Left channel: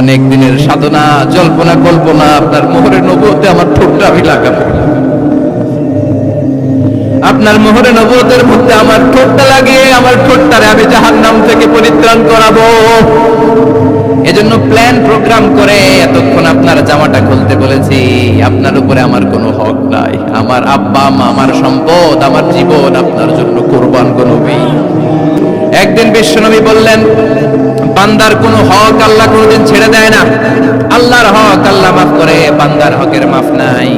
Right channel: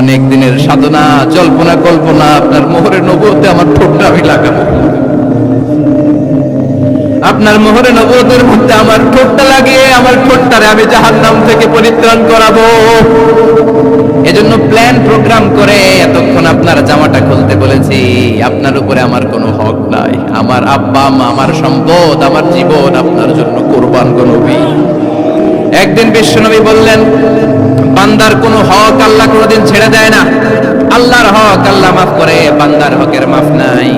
অনেক দিনের সাধনা, জল্পনা কল্পনা, আপনার মোহরে নবুয়তে আমার ঠোঁটটা আমি লাগাবো, আপনার মোহরে নবুয়তের মধ্যে আমার ঠোঁটটা লাগিয়ে আমার ঠোঁটটারে আমি জাহান্নাম থেকে পরিত্রাণ করাবো। এজন্য প্ল্যান প্রোগ্রাম করে এতক্ষণ আপনার জামাটা খুলতে বলেছি। আপনার উপরে আমার কোনো হক নাই। আমার আব্বা মা, আমার সম্পদ, আমার জীবন আপনার জন্য কোরবান গো নবী। একদিন বিশ্বনবী বললেন, বান্দার কোনো হক আল্লাহ কোনোদিন ছেড়ে দেয় না। আল্লাহর হক আল্লাহ মাফ করে, বান্দার হকের মাফ নাই।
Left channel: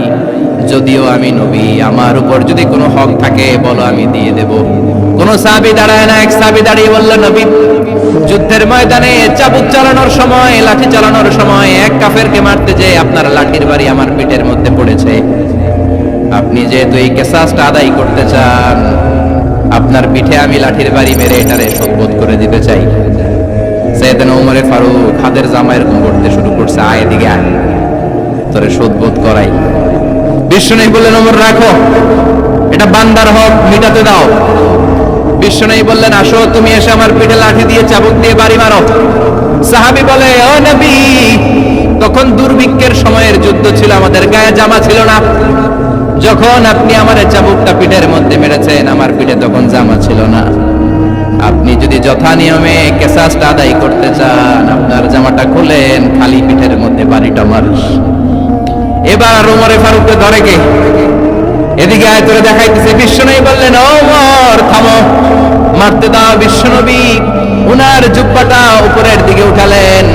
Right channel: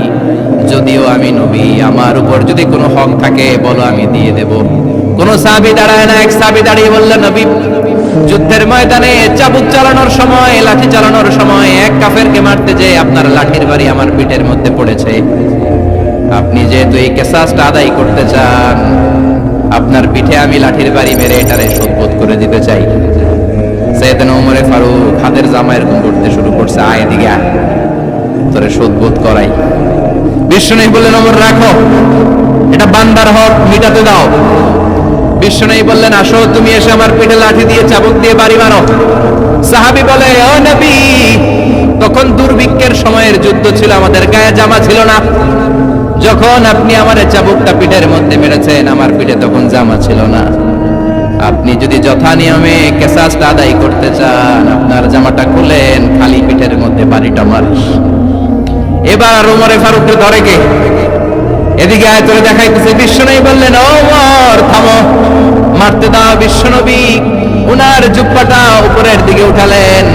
যদিও আমি নবী, আমার উপর যদি কোনো হক থাকে বলো, আমি দিয়ে দেব। কোন সাহাবী দাঁড়ায় না। এক সাহাবী দাঁড়িয়ে বললেন, নবী, যুদ্ধের ময়দানে চাবুক চালানোর সময়, লাঠি চালানোর সময় এক কাফেরকে মারতে যেয়ে আপনার লাঠির বাড়ি আমার পিঠের মধ্যে পড়েছে। আপনি যেহেতু এই কেসাসটা আদায় করতে চান, আপনার পিঠে আমি লাঠির বাড়ি মেরে এটারে শোধবোধ করে দিতে চাই। সাইয়েদনা ওমরে ফারুক হাতের জামা এরকম করতে শুরু করছে, আয় এদিকে আয়, তোরে শোধবোধ করাই। বিশ্বনবী বললেন, ওমর রাখো, এটা বান্দার হক, মিটাতে দাও। বিশ্বনবী বললেন, আসো, তুমি এসে আমার পিঠে লাঠি দিয়ে চাবুক দিয়ে বাড়ি মারো। সাহাবী বলে, ও নবী, তখন দুর্ভিক্ষের সময়ের যুদ্ধ ছিল, আমাদের গায়ে জামা ছিল না। যখন আপনি আমার চাবুকটা পিঠের মধ্যে মেরেছেন, আমার পিঠে তখন জামা ছিল না। আপনি যদি যথা নিয়মে কেসাসটা আদায় করতে চান, আপনার জামাটা খুলেন, খালি পিঠের মধ্যে বাড়িটা মারিস। এবার ওমরে ফারুককে ধরে কে, এদিকে আয়, তোরে দেখাইতেছে। বিশ্বনবী বললেন, ওমর থামো, মারতে দাও। বিশ্বনবী উনার জুব্বাটা উপরের দিকে উঠালেন,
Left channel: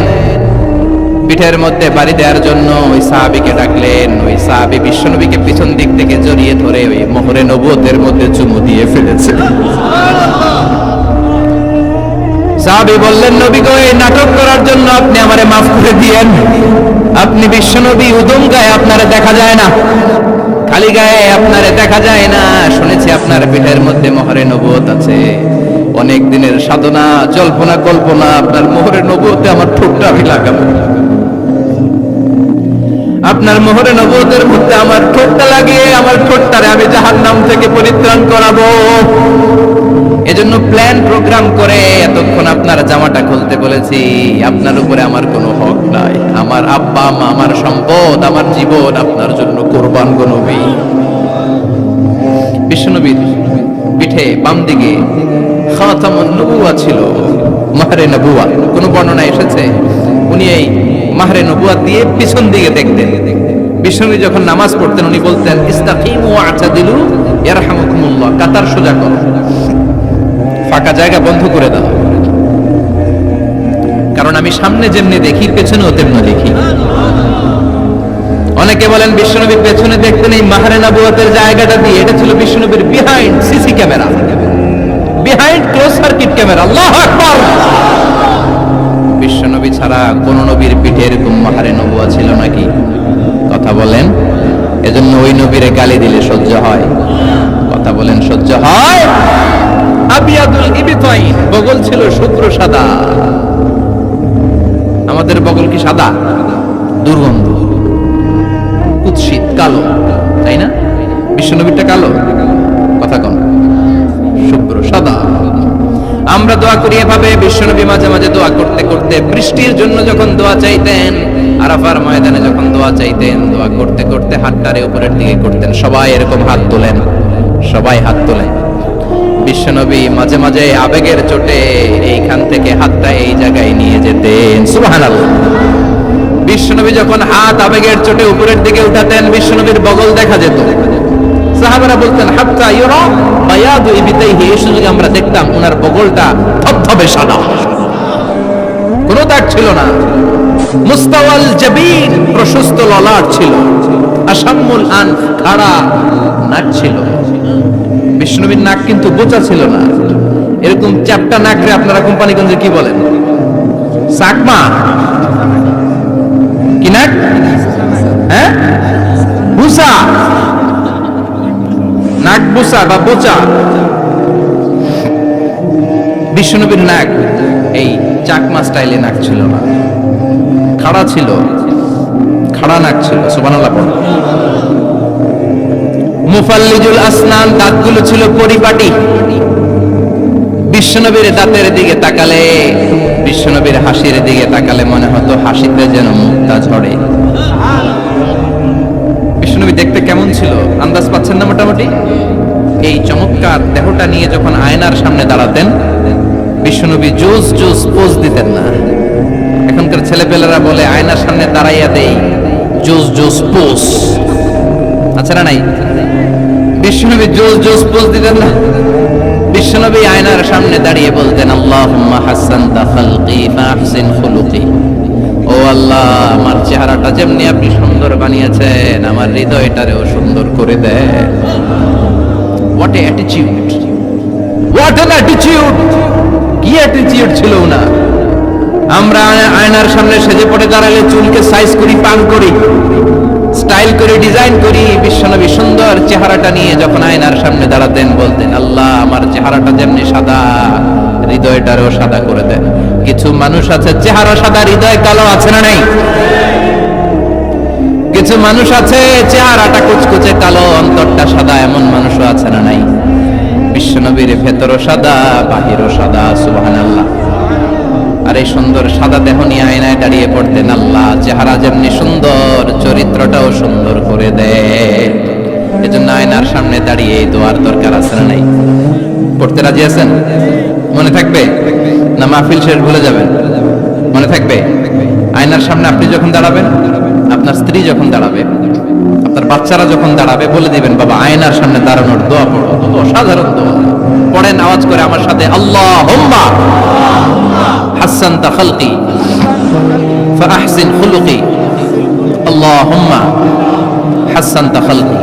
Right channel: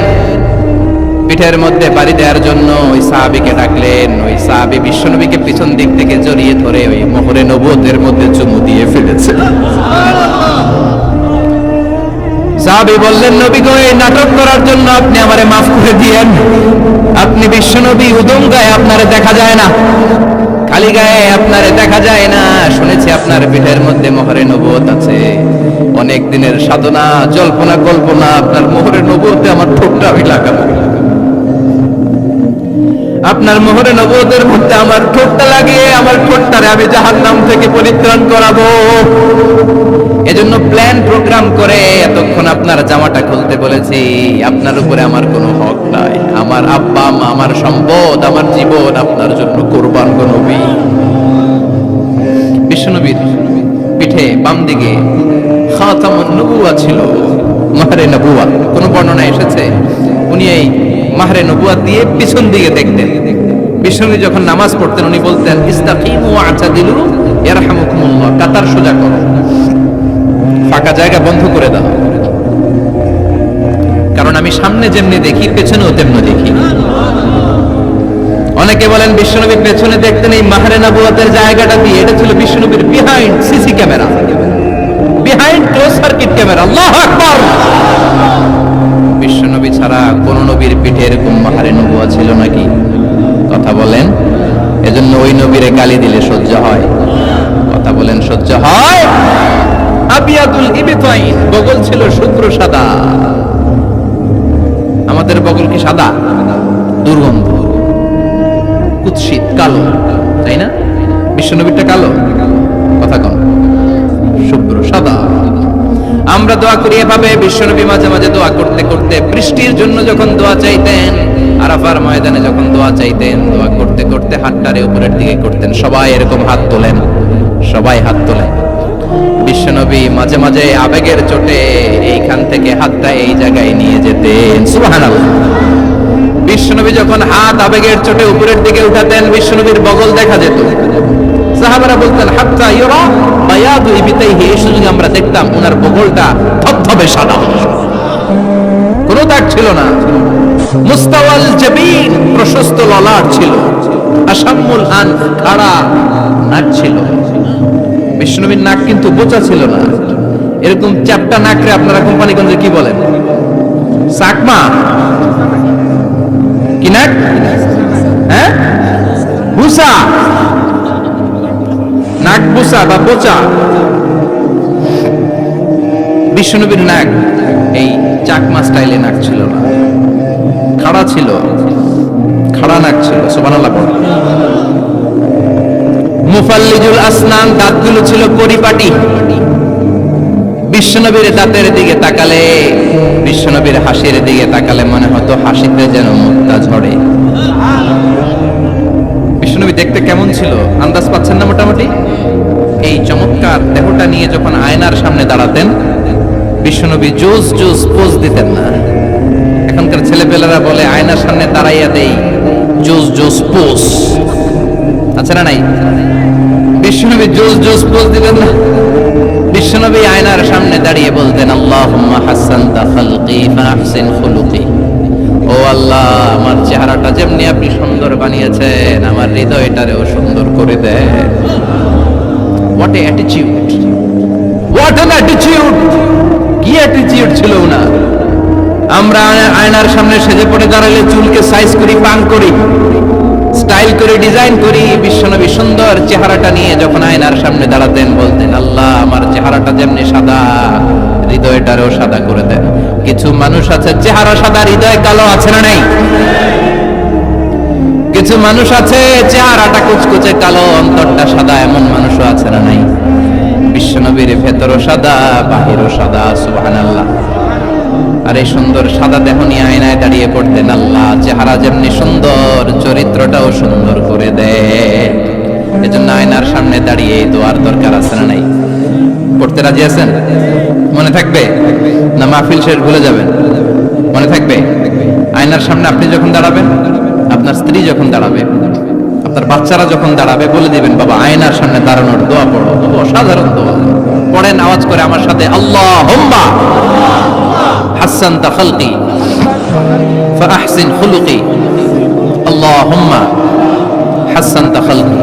পিঠের মধ্যে বাড়ি দেওয়ার জন্য ওই সাহাবীকে ডাকলেন। ওই সাহাবী বিশ্বনবীকে পিছন দিক থেকে জড়িয়ে ধরে ওই মোহরে নবুয়তের মধ্যে চুমু দিয়ে ফেলেছে। সাহাবী বললেন, নবী গো, এই নাটক করার জন্য আপনি আমারে মাফ করে দিয়েন। আপনি বিশ্বনবী, উদম গায়ে আপনারে দেখা যায় না, খালি গায়ে আপনারে দেখা যায় না। শুনেছি আপনার পিঠের মধ্যে মোহরে নবুয়ত আছে। অনেক দিনের সাধনা, জল্পনা কল্পনা, আপনার মোহরে নবুয়তে আমার ঠোঁটটা আমি লাগাবো, আপনার মোহরে নবুয়তের মধ্যে আমার ঠোঁটটা লাগিয়ে আমার ঠোঁটটারে আমি জাহান্নাম থেকে পরিত্রাণ করাবো। এজন্য প্ল্যান প্রোগ্রাম করে এতক্ষণ আপনার জামাটা খুলতে বলেছি। আপনার উপরে আমার কোনো হক নাই। আমার আব্বা মা, আমার সম্পদ, আমার জীবন আপনার জন্য কোরবান গো নবী। বিশ্বনবীর পিঠে বাম দিকে খাতামুন নবুওয়া ছিল, মাহরে নবুওয়া। কোন বর্ণনা এসেছে উনি এই মাহরে নবুওয়া দিয়ে পিছন দিকে দেখতেন। বিশ্বনবী যখন নামাজ পড়তেন উনি বলতেন, ইস্তাকিমু ওয়া'তাদিলু ইয়ারহামুকুমুল্লাহ, কাতার সোজা করো, ফাঁকা জায়গা বন্ধ করে দাও। কারণ আমি সামনে যেমনি দেখি, পেছনেও তেমনি দেখি। অনেকে বলেন বিশ্বনবী পেছনে দেখতেন এই মাহরে নবুয়তের জায়গাটা দিয়ে। এটা ছিল বিশ্বনবীর behind CC camera, behind close circuit camera. আল্লাহু আকবার। বিশ্বনবী ছাড়া কোন নবীর পিঠে এরকম মাহরে নবুয়া ছিল নাকি? কথা বলেন। এজন্য ওই নবীরে গালি দিলে সহ্য হয়? কথা বলেন, সহ্য হয়? আবিয়াদুল ইবতাইন, বগল ছিল শুভ্র সাদা। আমাদের বগল কি সাদা? দুর্গন্ধ, কুৎসিত, কালো, তাই না? বিশ্বনবীরটা কালো? কথা কন, শুভ্র সাদা। আমরা দোয়া করি এভাবে। বিশ্বনবী মাঝে মাঝে দোয়া করতে করতে, বৃষ্টির জন্য যখন দোয়া চাইতেন, আরাফার ময়দানে যখন দোয়া চাইতেন, দোয়া করতে করতে হাতটারে উপরের দিকে করতেন। সবাই এরকম হাত তোলেন, সবাই হাত তোলেন। বিশ্বনবী মাঝে মাঝে আবেগের চোটে এইখান থেকে হাতটা এই জায়গায় নিয়ে যেতেন। সুবহানাল্লাহ। বিশ্বনবী যখন হাত আবেগের চোটে উপরের দিকে উঠাতেন, বিশ্বনবীর বগল দেখা যেত। সাহাবারা বলতেন, হাত্তা ইউরা বায়াদু ইবতাইহি, এই সুযোগে আমরা দেখতাম উনার বগলটা ধবধবে সাদা, কোনো দাগ ছিল না। মুস্তাওয়াল জাবিন, প্রশস্ত ললাট ছিল। আসাম্মুল আনফ, খাড়া নাক ছিল। বিষ্ণুবীর নাক কিন্তু বোচা ছিল না। এরকম চ্যাপটা নাকরে আপনারা কোম্পানিগঞ্জে কি বলেন? চাকমা কি নাক? হ্যাঁ, বুসা, নাক বুসা বা বোচা। বিষ্ণুবীর নাক এই চাকমা স্টাইলে নাক ছিল না, খাড়া ছিল, খাড়া নাক ছিল। সুবহানাল্লাহ পড়ো। মুফাল্লিজুল আসনান, দাঁতগুলো ছিল পরিপাটি। বিশ্বনবীর দাঁতের দিকে তাকালে বিশ্বনবীর হাসির দিকে তাকালে মনে হতো হাসিতে যেন মুক্তা ঝরে। বিশ্বনবী দেখতে কেমন ছিল আন্দাজ পাচ্ছেন না মোটামুটি? এই চমৎকার দেহটা নিয়ে যখন আয়নার সামনে দাঁড়াতেন, বিশ্বনবী জোস জোস পোজ দিতেন না। এখনকার ছেলেপেলেরা বলে আয়নার সামনে দাঁড়াইয়া দেই জোস জোস পোজ, আছে না নাই? বিশ্বনবী জোস জোস পোজ দিতেন না। বিশ্বনবী আয়নার সামনে দাঁড়িয়ে বলতেন, আল্লাহুম্মা হাসানতা খালকি ফাহসিন খুলুকি। ও আল্লাহ, আমার চেহারাটা যেমনি আপনি সুন্দর বানিয়েছেন, আমার হৃদয়টারেও সুন্দর করে দেন। What a attitude, what an attitude! কি অ্যাটিটিউড ছিল না! আমরা আয়নার সামনে সেজে পড়ে দাঁড়ালে চুলকে সাইজ করি, পাং করি, স্টাইল করে ডিজাইন করি। বিশ্বনবী সুন্দর চেহারাটা নিয়ে যখন আয়নার সামনে দাঁড়াতেন বলতেন, আল্লাহ আমার চেহারাটা যেমনি সাদা, হৃদয়টারও সাদা করে দেন। কিছু মানুষ আছে চেহারা সাদা, হৃদয় কালো, আছে না নাই? কিছু মানুষ আছে চেহারাটা কুচকুচে কালো, অন্তরটা সাদা, এমন মানুষও আছে না নাই? বিশ্বনবীর ভেতরও সাদা, বাহিরও সাদা। সুবহানাল্লাহ। আর এই সুন্দর সাদা দেহ নিয়ে আয়নায় দাঁড়িয়ে পড়তেন, আল্লাহ চেহারা যেমনি সুন্দর, চরিত্রটাও সুন্দর করে দেয়। এজন্য আয়নার সামনে দাঁড়িয়ে এই দোয়ার দরকার আছে না নাই? পড়তে রাজি আছেন? মনে থাকবে না মাহফিল শেষ ভুলে যাবেন? মনে থাকবে? আয়নার সামনে আপনি যখন দাঁড়াবেন, আপনার স্ত্রী যখন দাঁড়াবে, আপনার বাচ্চারা যখন দাঁড়াবে, বলে দিবেন, বাবা আয়নার সামনে দাঁড়ানোর দোয়া পড়ো। তো অসাধারণ দোয়া। পড়েন আওয়াজ করে আমার সাথে, আল্লাহুম্মা হাসানতা খালকি ফাহসিন খুলুকি। আল্লাহুম্মা হাসানতা খালকি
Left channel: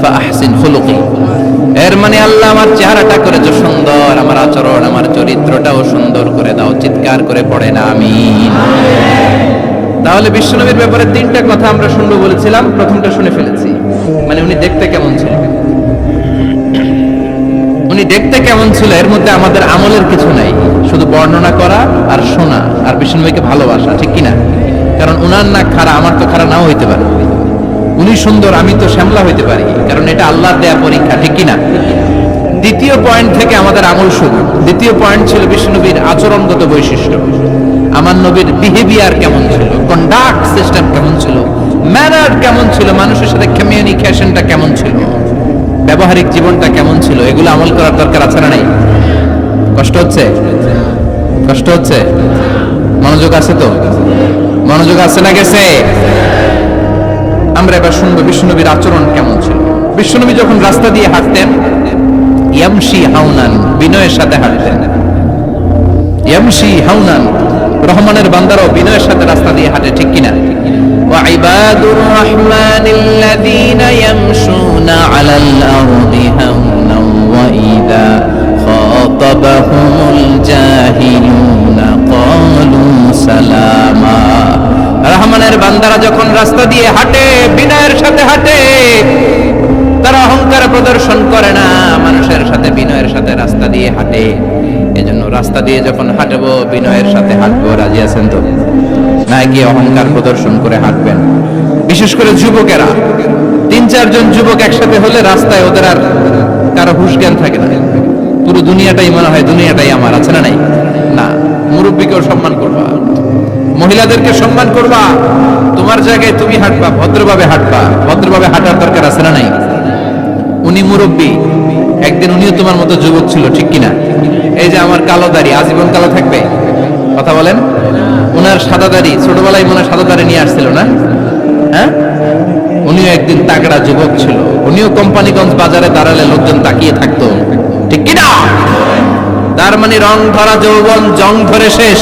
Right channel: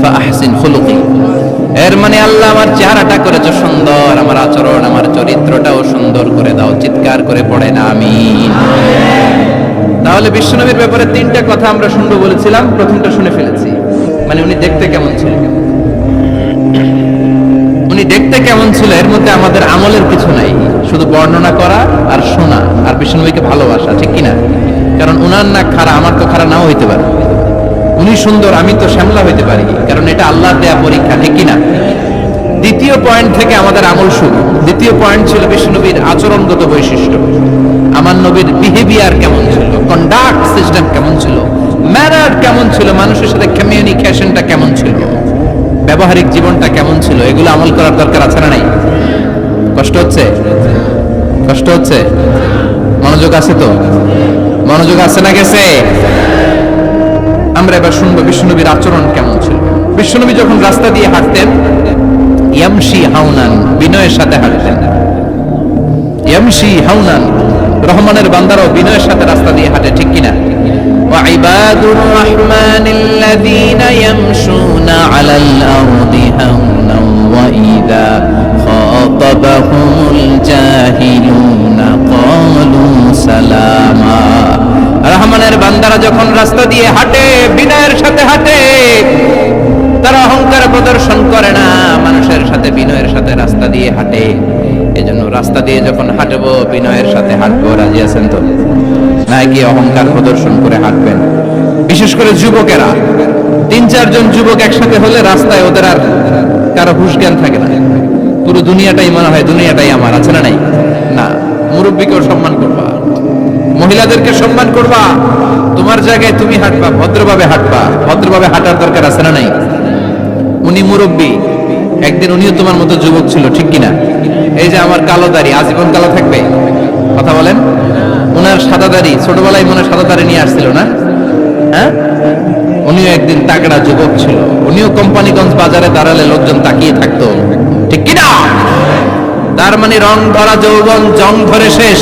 ফাহসিন খুলুকি। এর মানে আল্লাহ আমার চেহারাটা করেছো সুন্দর, আমার আচরণ, আমার চরিত্রটাও সুন্দর করে দাও। চিৎকার করে পড়েন আমিন। তাহলে বিশ্বনবীর ব্যাপারে তিনটা কথা আমরা শুনবো বলেছিলাম, প্রথমটা শুনে ফেলেছি। মানে উনি দেখতে কেমন ছিল, উনি দেখতে কেমন ছিল, এর মধ্যে আমাদের আমলের কিছু নাই, শুধু বর্ণনা করা আর শোনা আর বিশ্বনবীকে ভালোবাসা, ঠিক কিনা? কারণ উনার না খাড়া, আমার তো খাড়া নাও হইতে পারে। উনি সুন্দর, আমি তো শ্যামলা হইতে পারি, কারণ এটা আল্লাহর দেয়া পরীক্ষা, ঠিক কিনা? দ্বিতীয় পয়েন্ট থেকে আমাদের আমল শুরু। দ্বিতীয় পয়েন্ট ছিল বিশ্বনবীর আচরণগত বৈশিষ্ট্য। আমার নবীর বিহেভিয়ার কেমন ছিল, কন্ডাক্ট সিস্টেম কেমন ছিল, ম্যানার কেমন ছিল, মানুষের সাথে কমিউনিকেশনটা কেমন ছিল, ব্যবহারিক জীবনটা কেমন ছিল, এগুলো আমল করার দরকার আছে না নাই? কষ্ট হচ্ছে? কষ্ট হচ্ছে? মনোযোগ আছে তো? মনোযোগ আছে না গেছে? আমরা এবার শুনবো বিশ্বনবীর আচরণ কেমন ছিল। বিশ্বনবী যখন রাস্তা দিয়ে হাঁটতেন, ইয়ামশি হাউনান, বিনয়ের সাথে হাঁটতেন। ইয়ামশি হাউনান, রহমানের বান্দারাও বিনয়ের সাথে রাস্তা দিয়ে হাঁটে, ঠিক কিনা? وعباد الرحمن الذين يمشون على الأرض هونا وإذا خاطبهم الجاهلون قالوا سلاما। রহমানের বান্দারা যখন রাস্তা দিয়ে হাঁটে, বিনয়ের সাথে হাঁটে, তারা অহংকার প্রদর্শন করে না, মানুষের সাথে বিনয়ের সাথে রাস্তা দিয়ে হাঁটে। এজন্য রাস্তা দিয়ে যখন হাঁটবো, বিনয়ের সাথে হাঁটবো। রাজি আছেন তো? নাকি অহংকার প্রদর্শন করে হাঁটবেন? বিশেষ করে যুবকেরা, 3-4 জন যুবক একসাথে হলে রাস্তায় ওদের আর কারো হুঁশ জ্ঞান থাকে না, পুরো দুনিয়াটাই মনে হয় দুনিয়াটাই আমার, আছে না নাই? না, মুরব্বীকেও সম্মান করবা, মহিলাদেরকে সম্মান করবা, তোমার জায়গায় তুমি হাঁটবা, ভদ্রভাবে হাঁটবা। ভদ্রভাবে হাঁটার দরকার আছে না নাই? উনি মুরব্বী, একদিন উনিও তোমার মতো যুবক ছিল, ঠিক কিনা? এই যে আমার কালো দাড়ি, আজীবন কালো থাকবে? কথা বলেন। উনার সাদা দাড়ি, ছোটবেলায় মনে সাদা দাড়ি নিয়ে আসছিল না? হ্যাঁ, উনিও একদিন তাগড়া যুবক ছিল, উনিও কোম্পানিগঞ্জ বাজারে দাঁড়ালে লোকজন তাকিয়ে থাকতো, ঠিক কিনা? তার মানে রং ধরা যৌবন জং ধরে শেষ।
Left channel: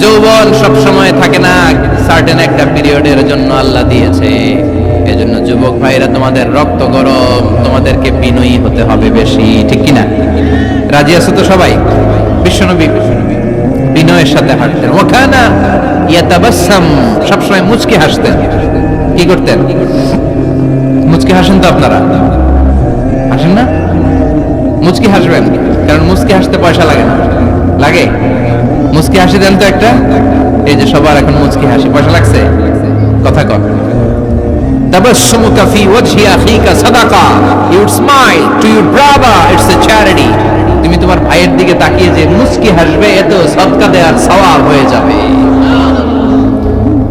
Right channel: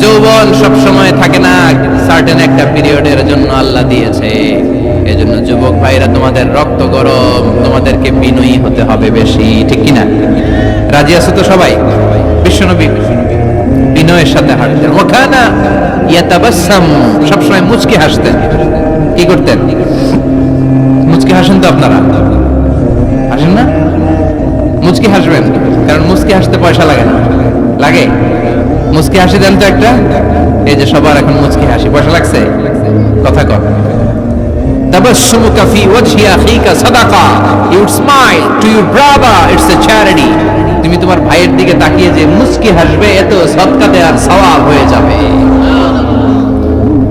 যৌবন সব সময় থাকে না, সার্টেন একটা পিরিয়ডের জন্য আল্লাহ দিয়েছে। এজন্য যুবক ভাইরা, তোমাদের রক্ত গরম, তোমাদেরকে বিনয়ী হতে হবে বেশি, ঠিক কিনা? রাজি আছো তো সবাই? বিশ্বনবী বিনয়ের সাথে হাঁটতেন। ওখানা ইয়াতাবাসসাম, সবসময় মুচকি হাসতেন। কি করতেন? মুচকি হাসেন তো আপনারা? হাসেন না? মুচকি হাসবেন, কারণ মুচকি হাসতে পয়সা লাগে না। লাগে? মুচকি হাসি দেন তো একটা। এই যে সবার এখন মুচকি হাসি, পয়সা লাগছে? কথা কর। তাবাসসুমুকা ফি ওয়াজহি আখিকা সাদাকা, you smile to your brother, it's a charity. তুমি তোমার ভাইয়ের দিকে তাকিয়ে যে মুস্কি হাসবে, এত সদকা দেওয়ার সওয়াব হয়ে যাবে।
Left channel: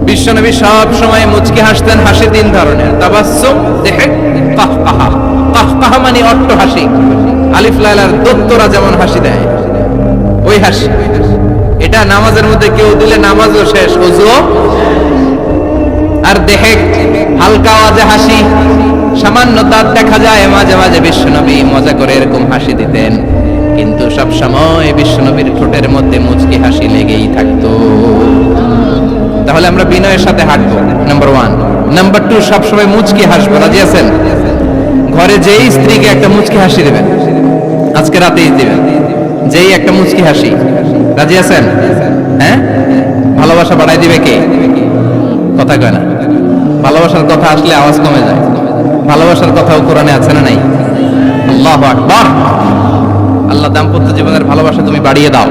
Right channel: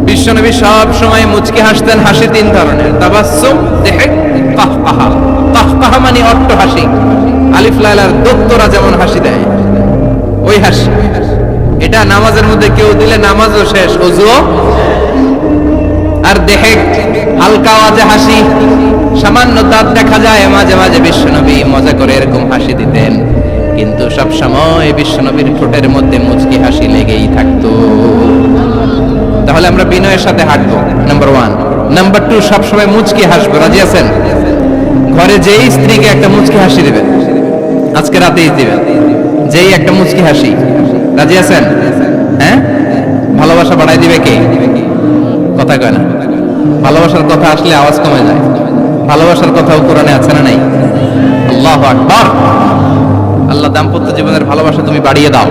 বিশ্বনবী সব সময় মুচকি হাসতেন। হাসি তিন ধরনের, তাবাসসুম, দিহক, কাহকাহা। কাহকাহা মানে অট্ট হাসি, আলিফ লাইলার দত্তরা যেমন হাসি দেয় ওই হাসি। এটা নামাজের মধ্যে কেউ দিলে নামাজও শেষ, ওযুও। আর দিহক, হালকা আওয়াজে হাসি, সামান্য দাঁত দেখা যায় মাঝে মাঝে। বিশ্বনবী মজা করে এরকম হাসি দিতেন, কিন্তু সব সময় বিশ্বনবীর ঠোঁটের মধ্যে মুচকি হাসি লেগেই থাকতো। তাহলে আমরা বিনয়ের সাথে হাঁটবো, নাম্বার 1। নাম্বার 2, সবসময় মুচকি হাসবো। রাজি আছেন? ঘরে যেই স্ত্রীকে একটা মুচকি হাসি দিবেন, আজকে রাতেই দিবেন, যেই একটা মুচকি হাসি। রাজি আছেন? হ্যাঁ, ভালোবাসা বাড়াই দিবে কে? কথা কয় না। ভালোবাসার কথা আসলে আওয়াজ কমে যায়। ভালোবাসার কথাও কোরআনে আছে না নাই? আল্লাহু আকবার। আল্লাহ দাম্পত্য জীবনের ভালোবাসা তুমি বাড়িয়ে দাও।